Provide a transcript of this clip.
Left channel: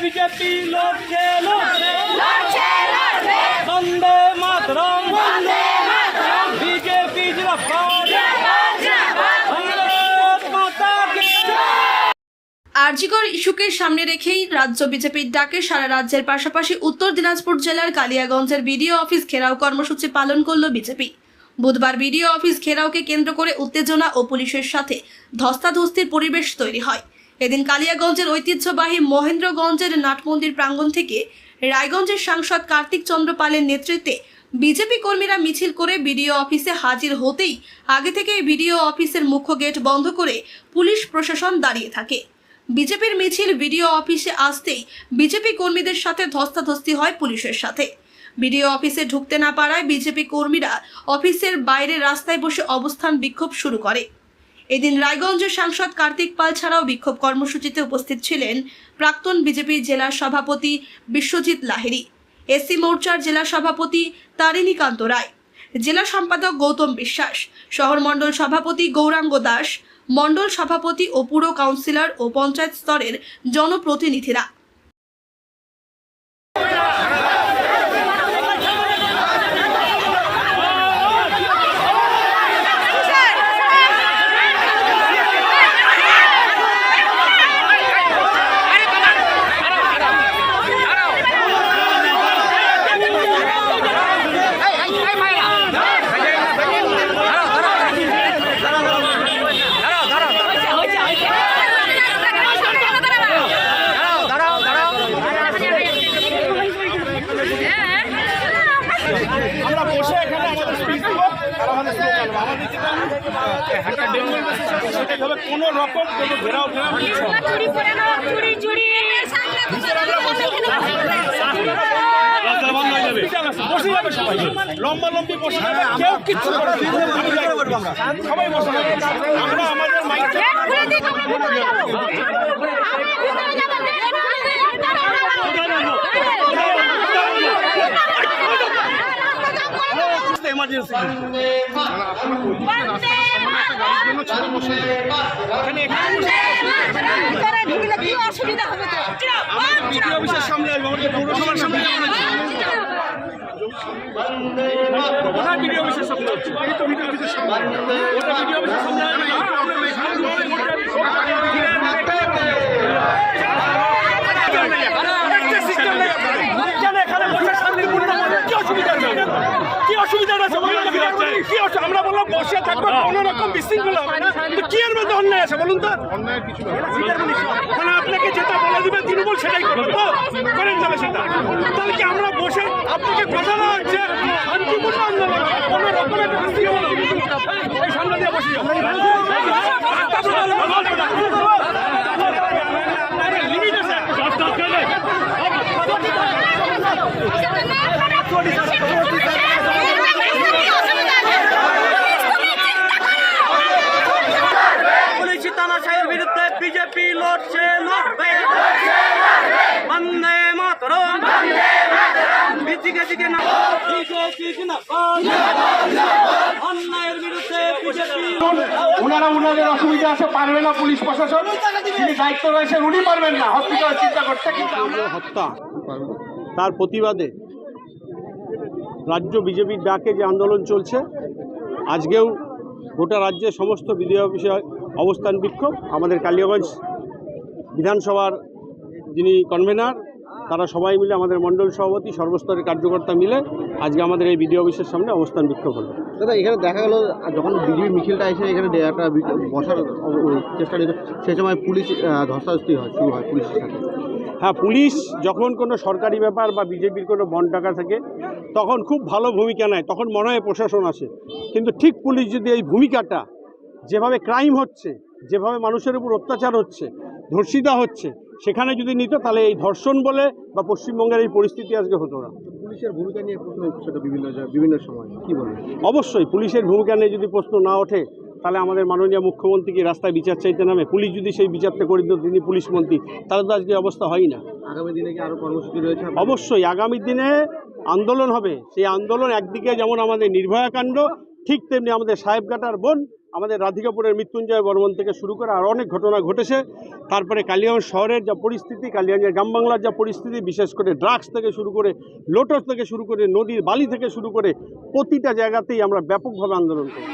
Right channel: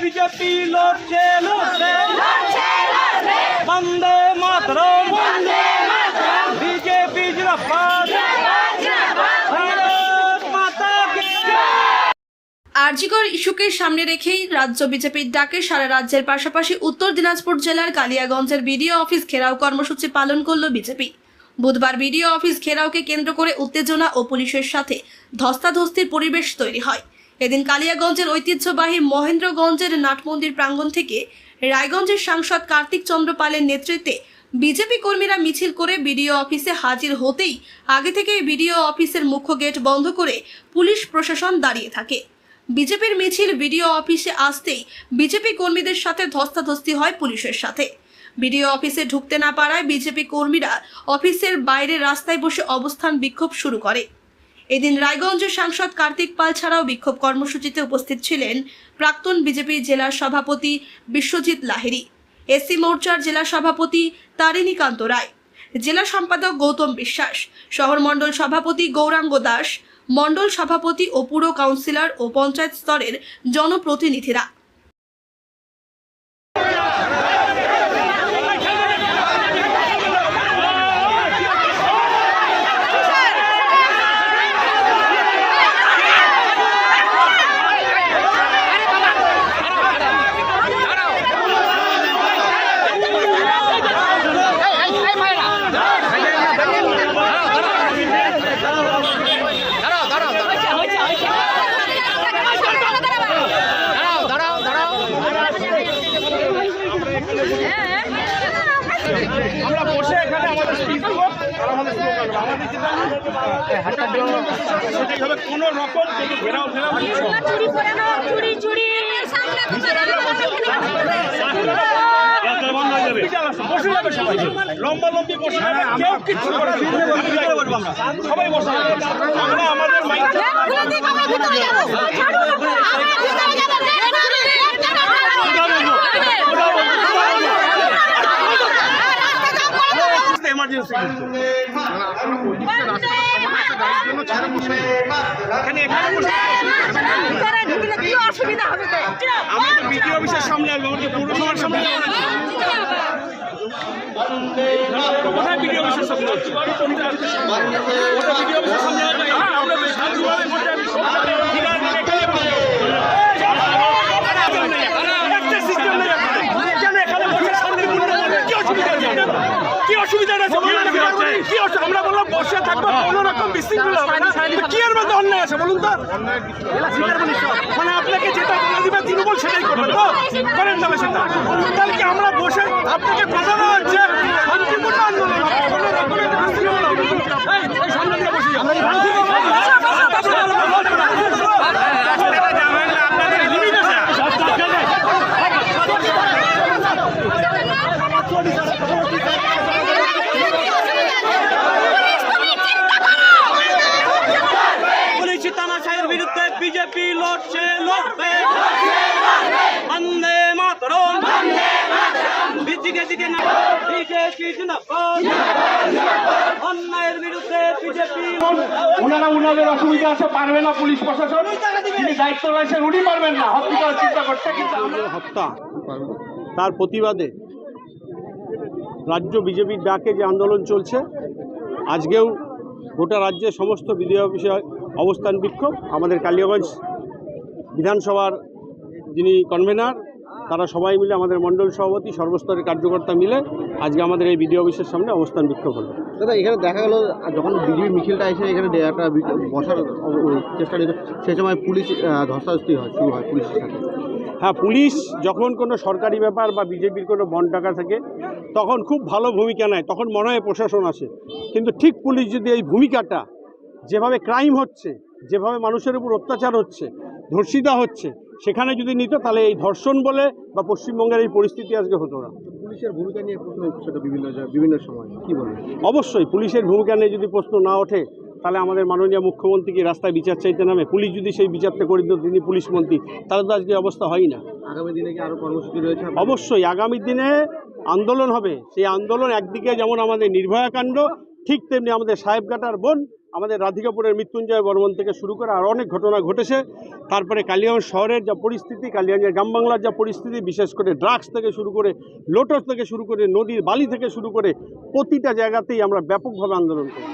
BJP লড়ছে লড়ছে বন্দে মাতরম BJP জিন্দাবাদ ভারত মাতা কি আরজিকর ইস্যুকে সামনে রেখেই রাজ্য বিজেপির ডাকে সারা রাজ্যের পাশাপাশি উত্তর দিনাজপুর জেলার কালিয়াগঞ্জের বিডিও অফিস ঘেরাও কর্মসূচি পালন করল বিজেপি। বুধবার বিডিও অফিস ঘেরাওকে কেন্দ্র করে উত্তেজনা ও পুলিশের সাথে ধস্তাধস্তির পরিবেশ তৈরি হয়। এদিন কালিয়াগঞ্জের ঐতিহ্যবাহী মহেন্দ্রগঞ্জের নাটমন্দির প্রাঙ্গণ থেকে রায়গঞ্জের সাংসদ কার্তিক চন্দ্র পালের নেতৃত্বে বিজেপি কর্মীরা মিছিল করে বিডিও অফিসে হাজির হতেই আগে থেকেই বিডিও অফিসের মুখ্য গেট বন্ধ করে পুলিশ প্রশাসন দাঁড়িয়ে থাকে। বিজেপির মিছিল বিডিও অফিসে আসতেই বিজেপি কর্মীদের সাথে ধস্তাধস্তি হয় পুলিশের সাথে। বিডিও অফিসে ঢুকতে না পারায় বিজেপি কর্মীরা অফিসের বাইরে রাস্তায় বসে অবস্থান বিক্ষোভ শুরু করে। এদিন রায়গঞ্জের সাংসদ কার্তিক পাল ছাড়াও বিক্ষোভ কর্মসূচিতে উপস্থিত ছিলেন প্রাক্তন বিজেপি জেলা সভাপতি বিশ্বজিৎ লাহিড়ী, এসসি মোর্চার জেলা সভাপতি তারিণীকান্ত রায়, জেলা সম্পাদক গৌতম বিশ্বাস শহর মণ্ডল সভাপতি গৌরাঙ্গ দাস মণ্ডল সভাপতি ও পুর কাউন্সিলর ও পঞ্চায়েত স্তরের জনপ্রতিনিধিরা। আমরা বসে এখানে আমাদের স্পিচ আর আমাদের স্লোগান আমাদের যেটা একটা ডেভেলপ সেটাই হবে কোনো রকম কোনো ঘেরাও ফেরাও কিছু হবে না। হসপিটাল আছে, বসে যাবে সবাই। লম্বা লম্বি বসে যাবে কেউ কিচ্ছু করবে। সবাই বসে যাবে। আমরা আমাদের মাইক এমার্জেন্সি এখানে এখানে কোথায় বিডিও অফিসের সামনে হচ্ছে আরেকটা system নেই আপনাদের। কেন এখানে বসে শান্তিপূর্ণ বলবেন? কি অসুবিধা আছে আপনাদের? কি অসুবিধা আছে বলুন কি আমরা বললাম বসে থাকব কোনো রকম বিশৃঙ্খলা হবে না কি এর মধ্যে অন্যায় আছে বলুন তো মানে আপনাকে যেটা বলে দিবে তৃণমূল সেটাই করবেন তো করেন তাহলে সেটা তাহলে কি আমরা বসে আপনাকে কথা দেওয়া হচ্ছে শান্তিপূর্ণ আন্দোলন কোনো রকমের বিশৃঙ্খলা হবে এই সামনে দিয়ে বসে যাও পুলিশি তানাশাইয়ের বিরুদ্ধে বিজেপি লড়ছে লড়বে বন্দে মাতরম দিকে দিকে না বিজেপি জিন্দাবাদ অন্যায়ের বিরুদ্ধে বিজেপি। ওনারা ওনাদের অসুবিধা আছে পারবে না পুলিশ প্রশাসন। যিনি দায়িত্ব রয়েছেন উনি পারবেন না। হসপিটাল চিন্তা করতে হত্যা তার প্রতিবাদে রাজ্য বিজেপির ডাকে যে আন্দোলন চলছে আজকেও গোটা রাজ্যের সমস্ত বিডিও অফিসে অবস্থান বিক্ষোভ। আমাদের কালিয়াগঞ্জ বিধানসভার যিনি কনভেনার তারা সবাই মিলে আমাদের মণ্ডল সভাপতি সর্বস্তরের কার্যকর্তা মিলে আজকে আমাদের এই বিডিও অফিসের সামনে অবস্থান বিক্ষোভ হলো। দাদা এখানে দেখা গেল যখন বিজেপি মিছিলটা এসে এখানে একটা বসার চেষ্টা নিত সেই সময় পুলিশ ধস্তাধস্তি হয় শুরু হয় পুলিশের সাথে। হ্যাঁ পুলিশ যখন কোনো সরকারি ব্যাপার বা বিজেপির কোনো বন টাকা থাকে তখন খুব ভালো ভূমিকা নেয় তখন মনে হয় প্রশাসন আসে। কিন্তু ঠিক পুলিশ যদি এই ভূমিকাটা যেভাবে ক্রাইম হচ্ছে যেভাবে মানুষের উপর অত্যাচার হচ্ছে ধর্ষিতা হচ্ছে সেখানে যদি নিত তাহলে এই ধর্ষণ বলে বা পশ্চিমবঙ্গের এই পরিস্থিতি আজকে হতো না। পুলিশের ভূমিকা নিয়ে প্রশ্ন উঠছে বিভিন্ন বিভিন্ন সময় কি বলবেন অবশ্যই পুলিশের ভূমিকা নিয়ে যদি প্রশ্ন না ওঠে তাহলে আমাদের মাননীয় মুখ্যমন্ত্রী কি রাস্তায় বিচার চাইতে নামে? পুলিশ যদি সেই বিচারটা করে দিত তিনি পুলিশ মন্ত্রী তাহলে তো আজকে অবস্থা হয় না। আগামী দিনে কি আরও কর্মসূচি রয়েছে অবশ্যই আগামী দিনে আন্দোলন হবে। সেই আন্দোলন একদিকে যেমন আমাদের নির্ভয়া কাণ্ড ঠিক তেমনি আমাদের সাহেবঘাটার বোন আমাদের রাধিকাপুরের মৃত্যুঞ্জয় বর্মন থেকে শুরু করে আর অনেক ঘটনা ঘটেছে। তারপরে কালিয়াগঞ্জ শহরের যা পরিস্থিতি, কালিয়াগঞ্জের গ্রাম বাংলার যা পরিস্থিতি, বিশেষ করে ড্রাগস থেকে শুরু করে লোটস থেকে শুরু করে নদীর বালি থেকে শুরু করে প্রতিটা জায়গাতেই আমরা ব্যাপকভাবে আন্দোলন করি